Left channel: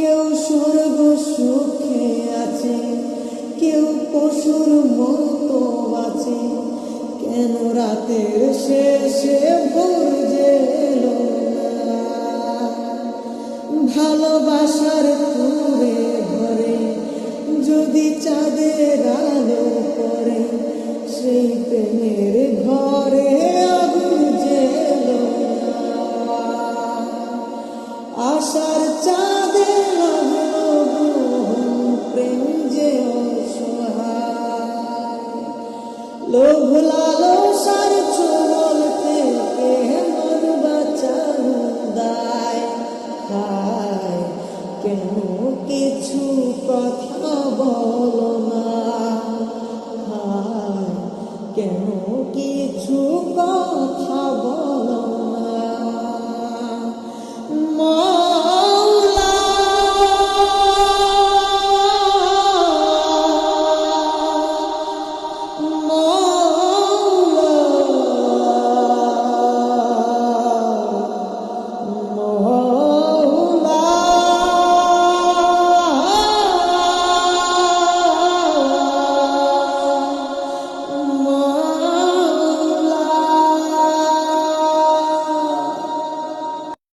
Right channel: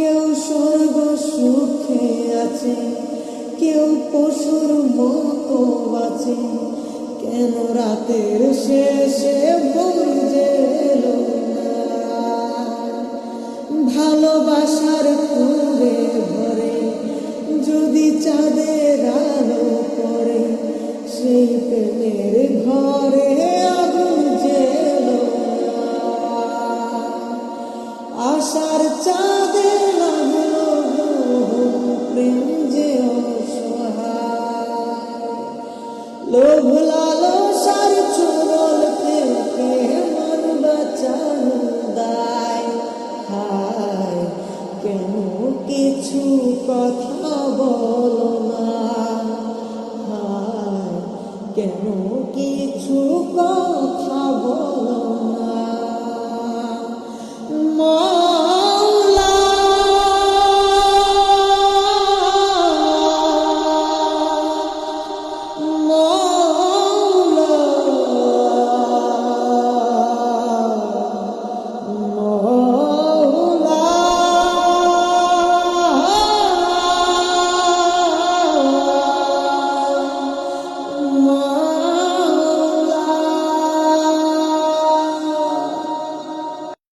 কেউ স্বর্গ সুখে আছে, কেউ পশুর মতো বাঁচে। কেন রাতের শেষে ভোর যে এলো না? ভালোবাসার কুঁড়ে ঘরে যদি চাঁদের আলো পড়ে, সেই প্রেমের ঘরে আগুন জ্বেলো না। আশার চাঁদে লাগলো গ্রহণ, প্রেম যে অসহায়। লোভ লালসার ছোবল থেকে মন বাঁচানো দায়। হায়, কেন কিছু কথা বলো না? হায়, কেন কিছু কথা বলো না? মাওলা, মাওলা।